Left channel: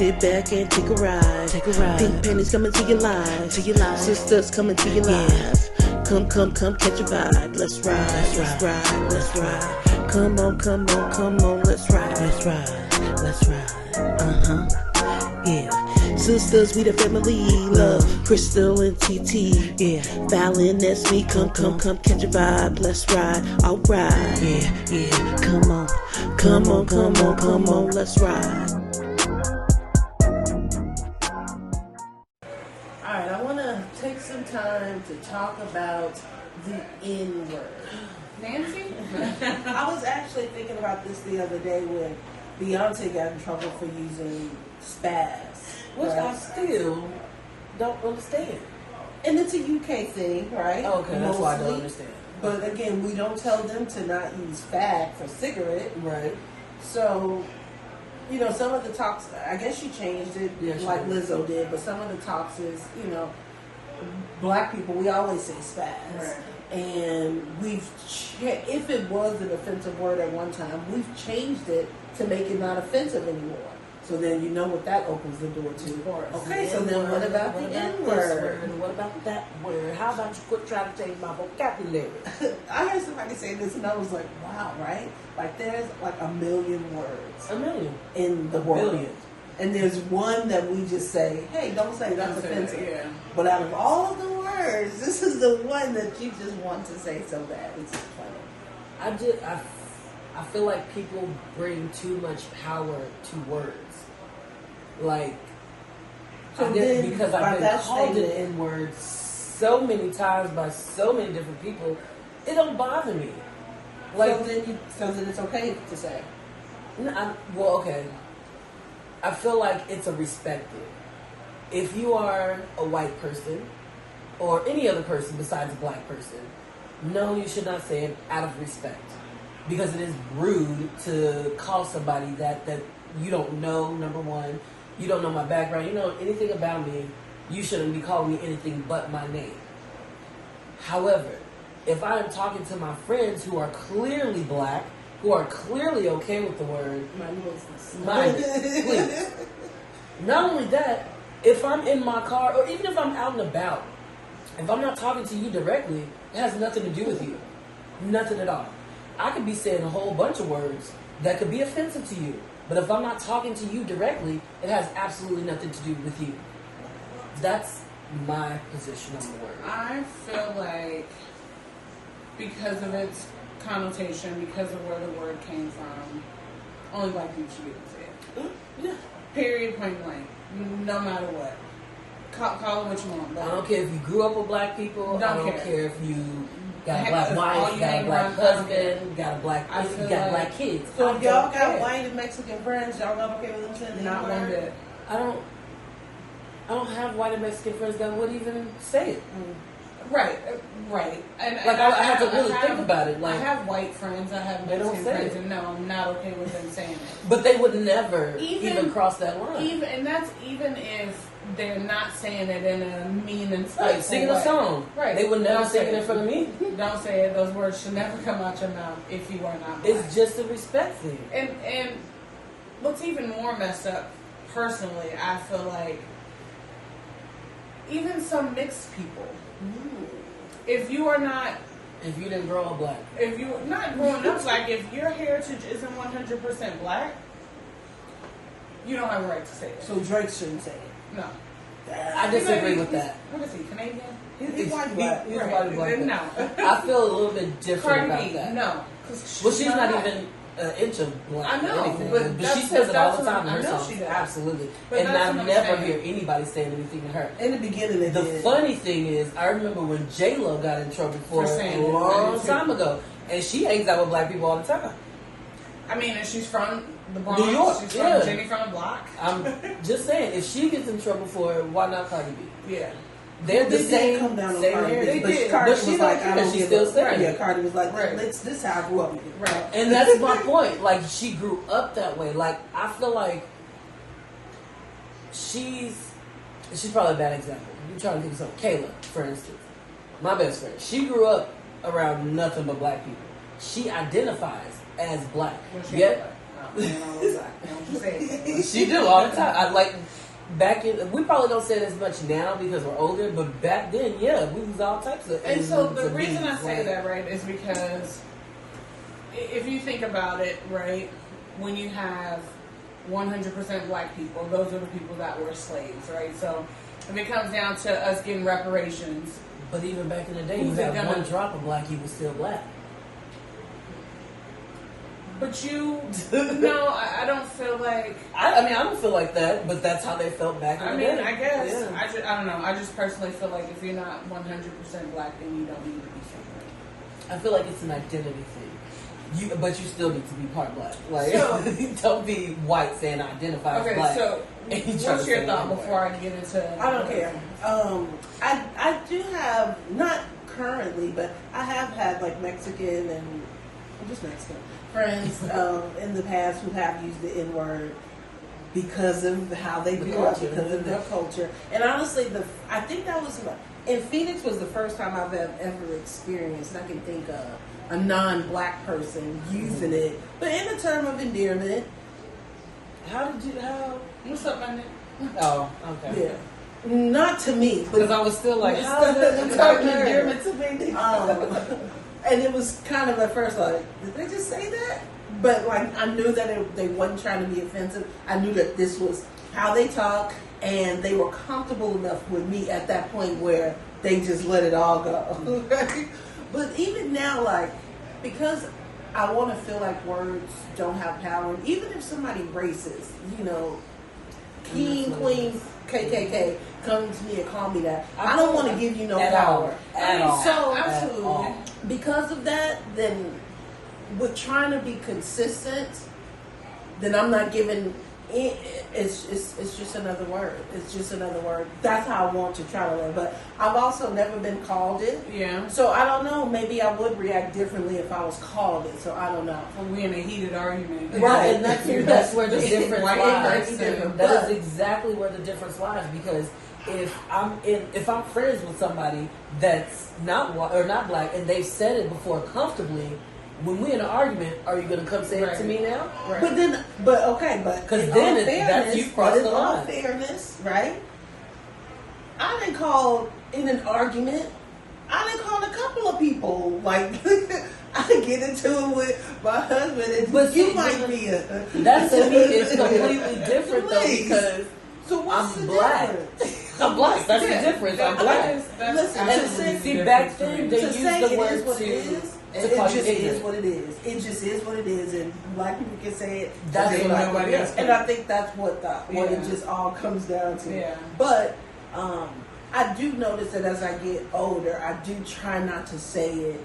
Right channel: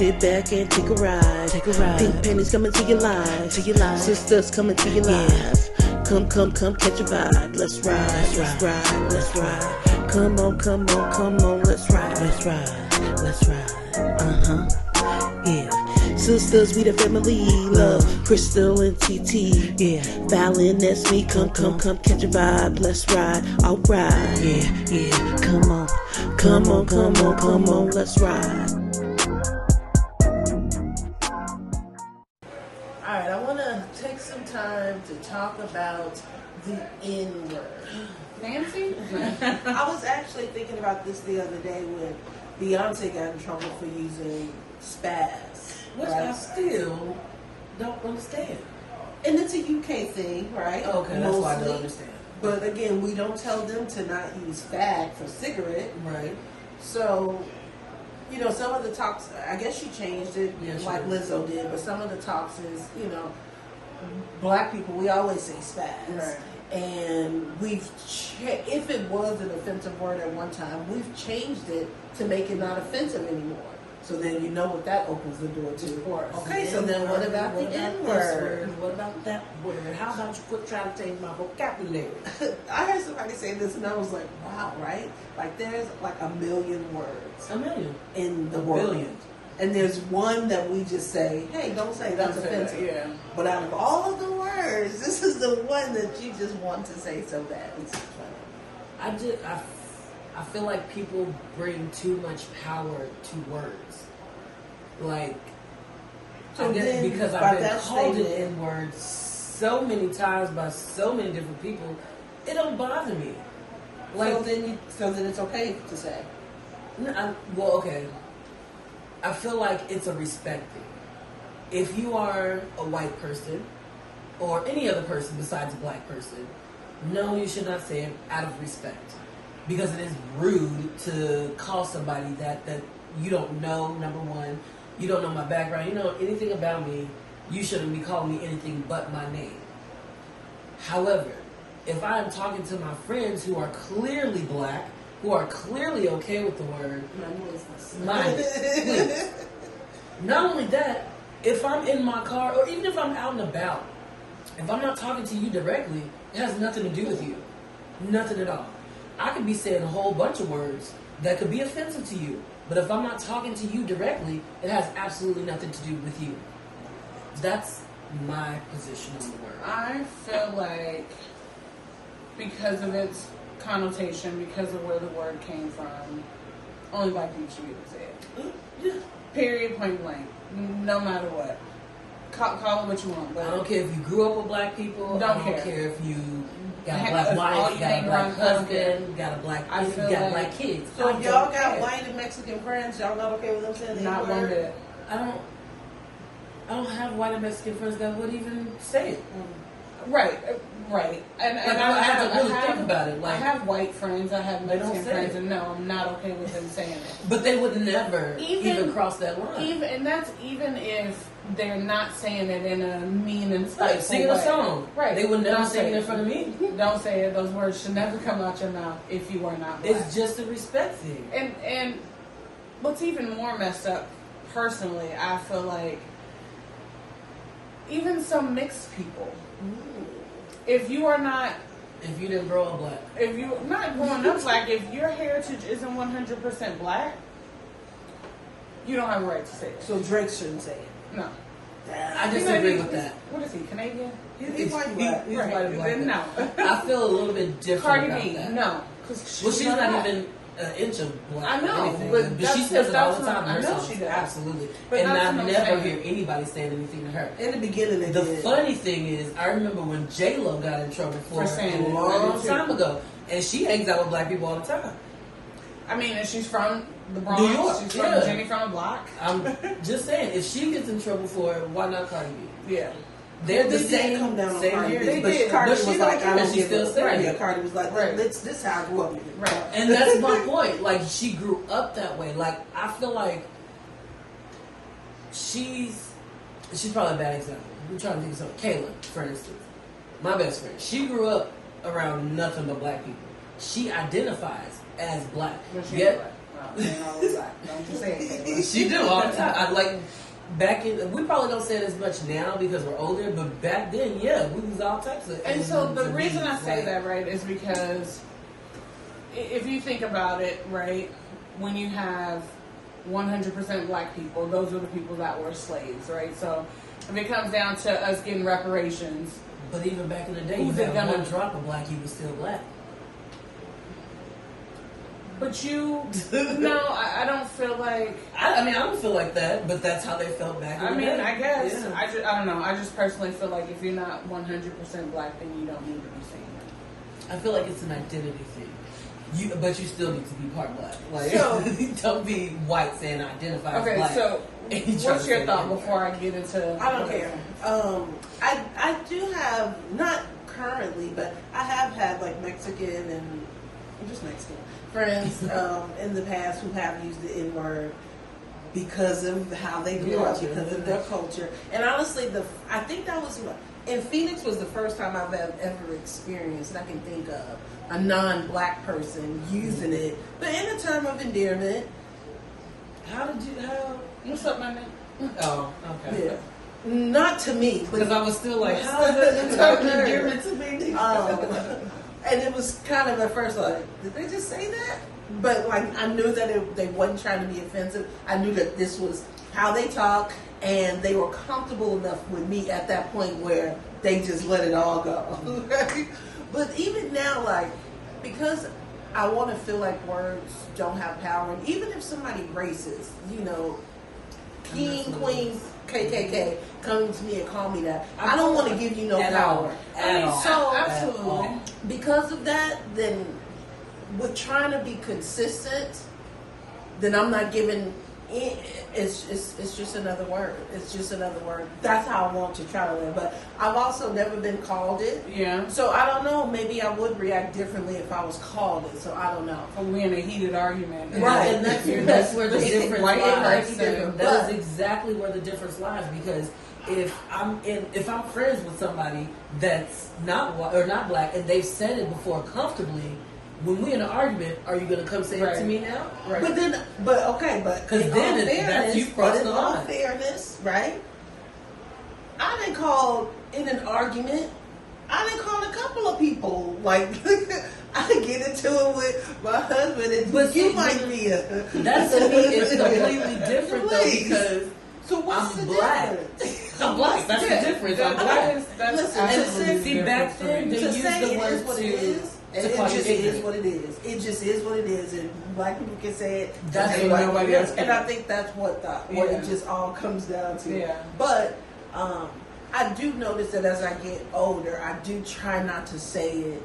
Sit back and take a ride. Take a ride. Pink panties coming to your life. To your life. Sisters coming to your life. Come, catch a vibe. Let's ride. Let's ride. Let's ride. Come on. Let's ride. Let's ride. Let's ride. Yeah. Sisters, we the family. Love, Crystal and TT. Yeah. Fallon, that's me. Come, catch a vibe. Let's ride. Alright. Yeah. Come on. Let's ride. Alright, I want to take some time to talk about the N-word. Nancy? I was actually thinking about this the other day when Beyonce got in trouble for using spaz. Which right? I still don't understand. And it's a UK thing, right? Okay, that's why I don't understand. But again, we don't tell them to not use fag for cigarette. Right. So, some of the talks, I guess she changed it like Lizzo did, but some of the talks is, black people, we always say spaz. Right. And if it was an offensive word at one time, we've changed it to make it not offensive anymore. So then you know what that opens the door to. Okay, so then what about the N-word? What about that word? How about you quit trying to change my vocabulary? I heard somebody say this and I was like, wow, right? Like there's like a million words. A million. In the world. Billion. And there's one that we just say, hey, don't say that's offensive. Yeah. But out of all of the words, this is the one that you just want to say so bad. It's just funny. I feel like people bring too much power to words. Like, because I've been called an N-word so many times by so many different people, it don't bother me. Like, so then it's okay to say. Okay. I feel like it's a respect thing. If you are a white person or any other person besides a black person, no, you should not say it out of respect. Because it is rude to call somebody that you don't know, number one. You don't know my background. You don't know anything about me. You shouldn't be calling me anything but my name. However, if I am talking to my friends who are clearly black, who are clearly okay with the word, Mind business. Please. Not only that, if I'm in my car, or even if I'm out and about, if I'm not talking to you directly, it has nothing to do with you. Nothing at all. I could be saying a whole bunch of words that could be offensive to you. But if I'm not talking to you directly, it has absolutely nothing to do with you. That's my position on the word. I feel like because of its connotation, because of where the word came from, only black people should be able to say it. Yeah. Period, point blank. No matter what. Call it what you want. But I don't care if you grew up with black people. I don't care if you got a black wife, got a black husband, got a black black kids. So if y'all got white and Mexican friends, y'all not okay with them saying not one bit. I don't have white and Mexican friends that would even say it. Right. And I have to really think about it. Like, I have white friends, I have Mexican friends, and no, I'm not okay with them saying it. But they would never even cross that line. And that's even if they're not saying it in a mean and spiteful like singing way. a song. Right. They would never sing it in front of me. Don't say it. Those words should never come out your mouth if you are not black. It's just a respect thing. And what's even more messed up, personally, I feel like even some mixed people. If you didn't grow up black, if you're not growing up black, if your heritage isn't 100% black, you don't have a right to say it. So Drake shouldn't say it. No. I disagree with that. What is he, Canadian? He's white black. He's white and black. No. I feel a little bit different Cardi about B, that. no. Well, she's not even an inch of black. I know, but she says it all the time in her I know songs. she does. Absolutely. But and that's I what I'm never saying. hear anybody saying anything to her. In the beginning, they The did. funny thing is, I remember when J-Lo got in trouble for saying a that. long time ago, and she hangs out with black people all the time. I mean, if she's from the Bronx, New York, she's from Jenny from the block. I'm just saying, if she gets in trouble for it, why not Cardi B? Yeah. They're the They same. did come down on same Cardi year. B, They but did. Cardi But she was don't like, care. I don't She give still a saying Yeah, it. Cardi was like, Right. this is how I grew up. Right. And that's my point. Like, she grew up that way. Like, I feel like she's probably a bad example. I'm trying to think of something. Kayla, for instance, my best friend. She grew up around nothing but black people. She identifies as black. No, she Yet, ain't black. stop saying all of that. Don't you say it. She do all the time. I like back in. We probably don't say it as much now because we're older, but back then, yeah, we use all types of. And so the reason I say that, right, is because if you think about it, right, when you have 100% black people, those are the people that were slaves, right? So if it comes down to us getting reparations. But even back in the day, you had one drop of black, he was still black. But no, I don't feel like. I mean, I don't feel like that, but that's how they felt back in the day. I guess. Yeah. I don't know. I just personally feel like if you're not 100% black, then you don't need to be somewhere. I feel like it's an identity thing. But you still need to be part black. Like, So, don't be white saying I identify as black. So what's your thought before I get into? I don't care. I do have, not currently, but I have had like Mexican and just Mexican friends in the past who have used the N-word because of how they grew up, because of their culture. And honestly, I think that was, in Phoenix was the first time I've ever experienced, that I can think of, a non-black person using it, but in a term of endearment. What's up, my name? Oh, okay. Yeah. Not to me, Because I was still like, how is it a term of endearment to me? And it was kind of at first like, did they just say that? But like, I knew that they wasn't trying to be offensive. I knew that this was how they talk, and they were comfortable enough with me at that point where they just let it all go. But even now, like, because I want to feel like words don't have power, and even if somebody racist, king, queen, KKK, come to me and call me that, I don't want to give you no power. So, absolutely. Because of that, then with trying to be consistent, then I'm not giving. It's just another word. It's just another word. That's how I want to try to live. But I've also never been called it. Yeah. So I don't know. Maybe I would react differently if I was called it. So I don't know. We in a heated argument. Right. And that's where the difference lies. Different. That is exactly where the difference lies, because if I'm friends with somebody that's not white or not black and they've said it before comfortably, when we in an argument, are you going to come say it to me now? Right. But then because then that's you crossing the line. All fairness, right? I didn't call in an argument. I didn't call a couple of people. Like I get into it with my husband, and you might be a. That's to me is completely different though, because so what's I'm the black. difference? I'm black. That's the difference. I'm black. Listen, see, back then they to used say the it word is what it is. It just is what it is. It just is what it is, and black people can say it. That's what nobody else. And I think that's what it just all comes down to. Yeah. But I do notice that as I get older, I do try not to say it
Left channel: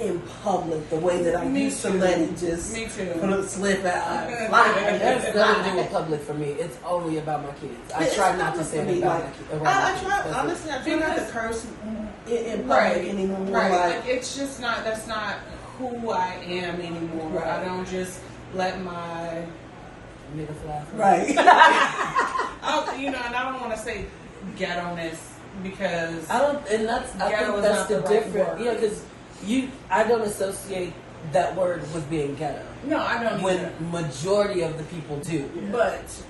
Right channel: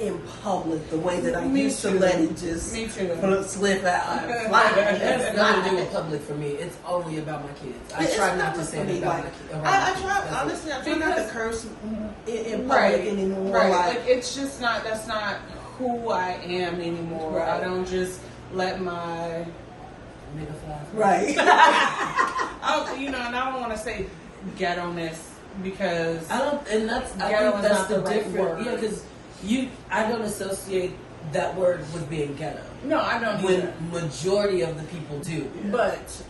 in public the way that I used to let it just slip out. It has nothing to do with public for me. It's only about my kids. I try not to say it about I try not to curse in public anymore. Right. Like, it's just not. That's not who I am anymore. Right. I don't just let my nigga fly. Right. and I don't want to say ghetto-ness because I think that's the difference. Yeah, because I don't associate that word with being ghetto. No, I don't. When majority of the people do. Yeah. But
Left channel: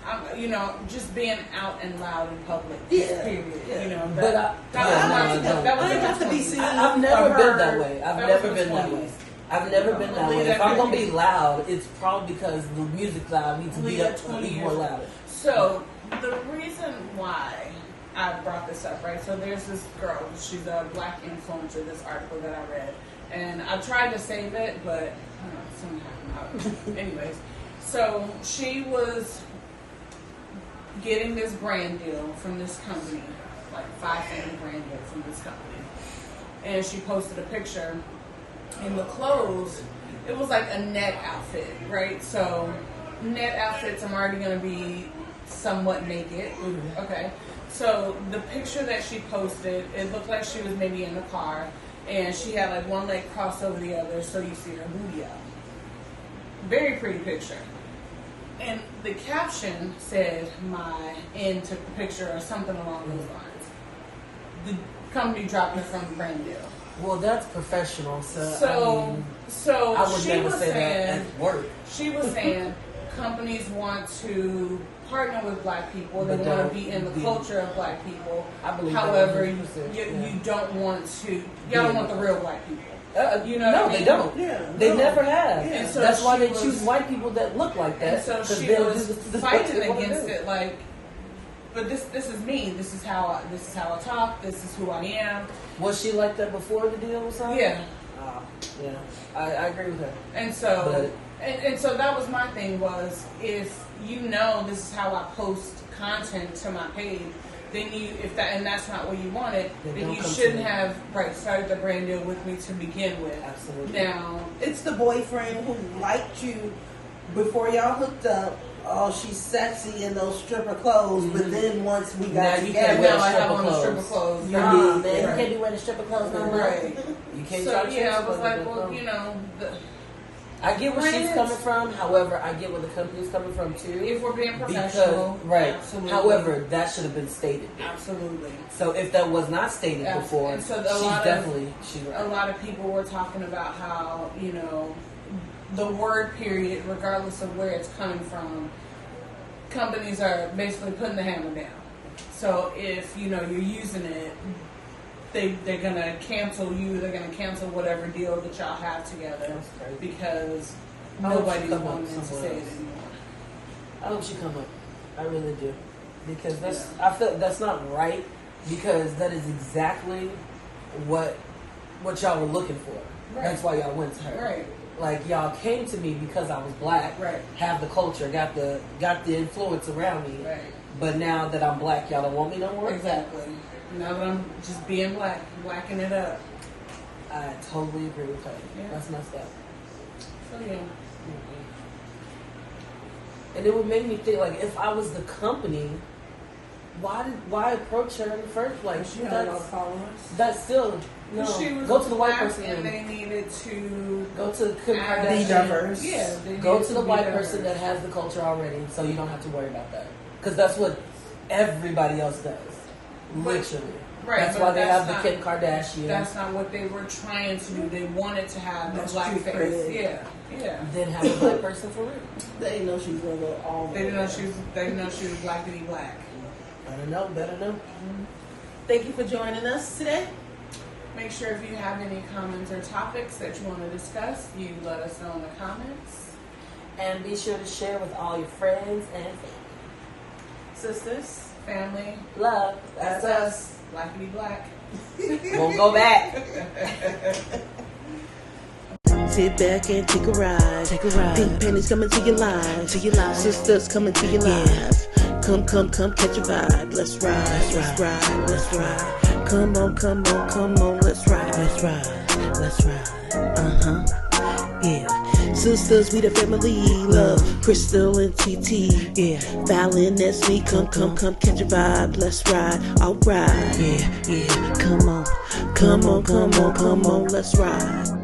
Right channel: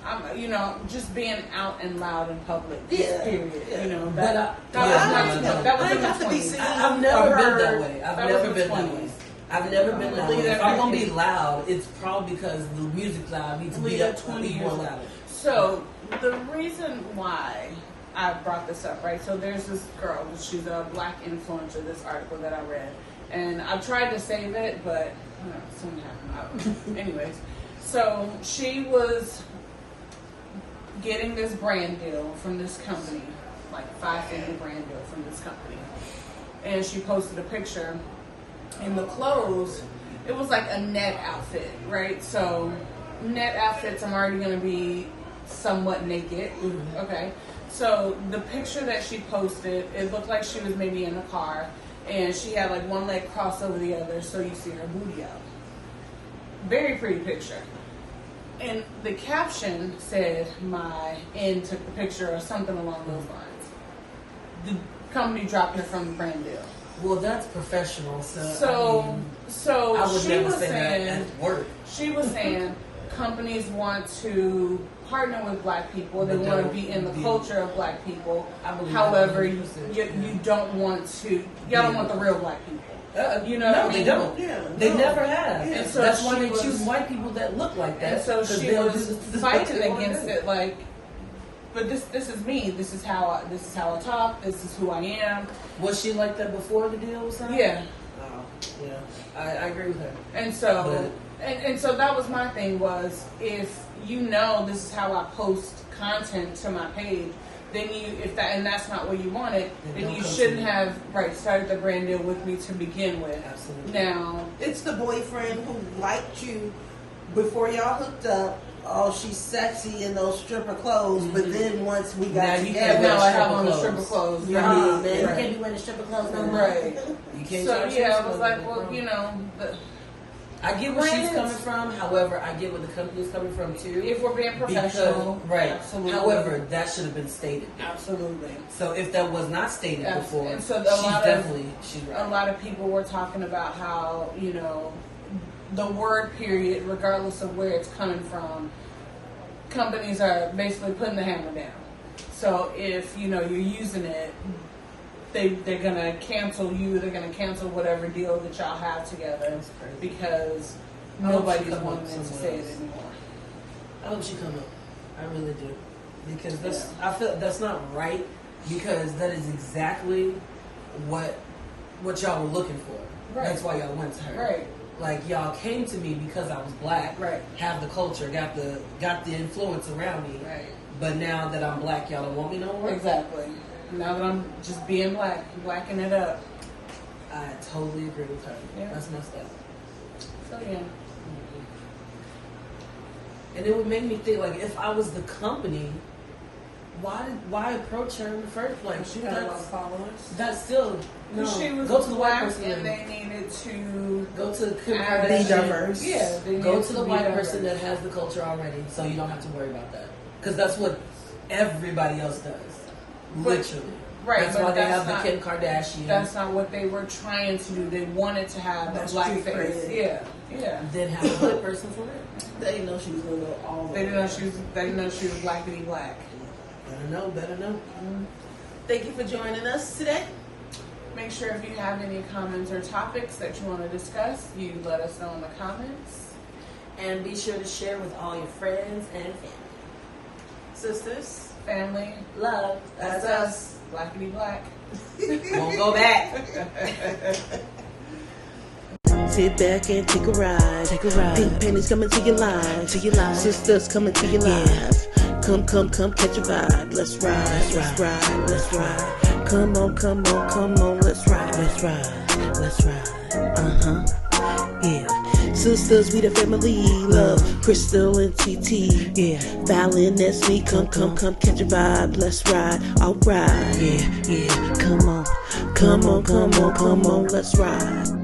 just being out and loud in public. Yeah. Period. Yeah. That I have to be seen. I've never been that way. I've never been that way. If I'm gonna be loud, it's probably because the music's loud. I need to be up 20 more louder. So the reason why I brought this up, right? So there's this girl. She's a black influencer. This article that I read, and I tried to save it, but something happened. Anyways, so she was getting this brand deal from this company, like 5-figure brand deal from this company, and she posted a picture. In the clothes, it was like a net outfit, right? So net outfits, I'm already going to be somewhat naked. Mm-hmm. Okay. So the picture that she posted, it looked like she was maybe in the car, and she had like one leg crossed over the other, so you see her booty out. Very pretty picture. And the caption said, "My end took the picture," or something along those lines. The company dropped her from the brand deal. Well, that's professional. So I would she never was say that saying, at work. she was saying companies want to partner with black people. They But want to don't be in the be- culture of black people. I believe However, that you 100%, yeah. don't want to. Y'all don't want the real black people. You know No, what I they mean? don't. Yeah, They no. never have. Yeah. And so That's why she they was- choose white people that look like that. And so 'cause she they'll was do this fighting what they against wanna do. it, like, but this is me. This is how I talk. This is who I am. Was she like that before the deal was signed? Yeah. Yeah. I agree with her. And so, But- and so that was my thing was, if you know this is how I post content to my page, then and that's not what you wanted, Then then don't you come to shouldn't me. have started the brand deal with me to begin with. Absolutely. Now, It's the boyfriend who liked you before y'all hooked up. Oh, she's sexy in those stripper clothes, but then once we Now got you together, can't now wear I have stripper on the clothes. stripper clothes. Yeah, Right. man, You Right. can't be wearing stripper clothes no more. Right. You can't So try to yeah, I change was like, clothes, well, no. you know, I get where she's Brands. coming from. However, I get where the company's coming from too. if we're being professional, Because, right. Absolutely. However, that should have been stated. absolutely. So if that was not stated Yeah. before, And so she's right. A lot of people were talking about how, you know, the word period, regardless of where it's coming from, companies are basically putting the hammer down. So if, you know, you're using it, they're gonna cancel you, they're gonna cancel whatever deal that y'all have together That's crazy. because I hope nobody's she come wanting up to somewhere say it else. anymore. I hope she come up. I really do. Because I feel that's not right, because that is exactly what y'all were looking for. Right. That's why y'all went to her. Right. Like y'all came to me because I was black, Right. have the culture, got the influence around me. Right. But now that I'm black, y'all don't want me no more. Exactly. Now that I'm just being black, blacking it up. I totally agree with her. Yeah. That's messed up. So yeah. And it would make me think, like, if I was the company, why approach her in the first place? She had a lot of followers. That's still no. She was Go to the white black person. and they needed to Go to Kim add- Kardashian. Be diverse. Yeah, they Go needed to the be white diverse. person that has the culture already, so you don't have to worry about that. Because that's what everybody else does. Literally. Right, That's but why they that's have the not- Kim Kardashian. That's not what they were trying to do. They wanted to have That's a black street face. cred. Yeah. Then have a black person for real. they didn't know she was gonna go all the They way. didn't know she was. They didn't know she was blackity black. Better know. Thank you for joining us today. Make sure if you have any comments or topics that you want to discuss, you let us know in the comments. And be sure to share with all your friends and family. Sisters, Family, Love. that's us. Blackity black. Won't go back. sit back and take a ride. Pink pennies coming to your life. Sisters coming to your life. Come, catch a vibe. Let's ride. Come on, let's ride. Yeah. Sisters, we the family. Love, Crystal and TT. Yeah. Fallon, that's me. Come, catch a vibe. Let's ride. Alright. Yeah. Come on, let's ride.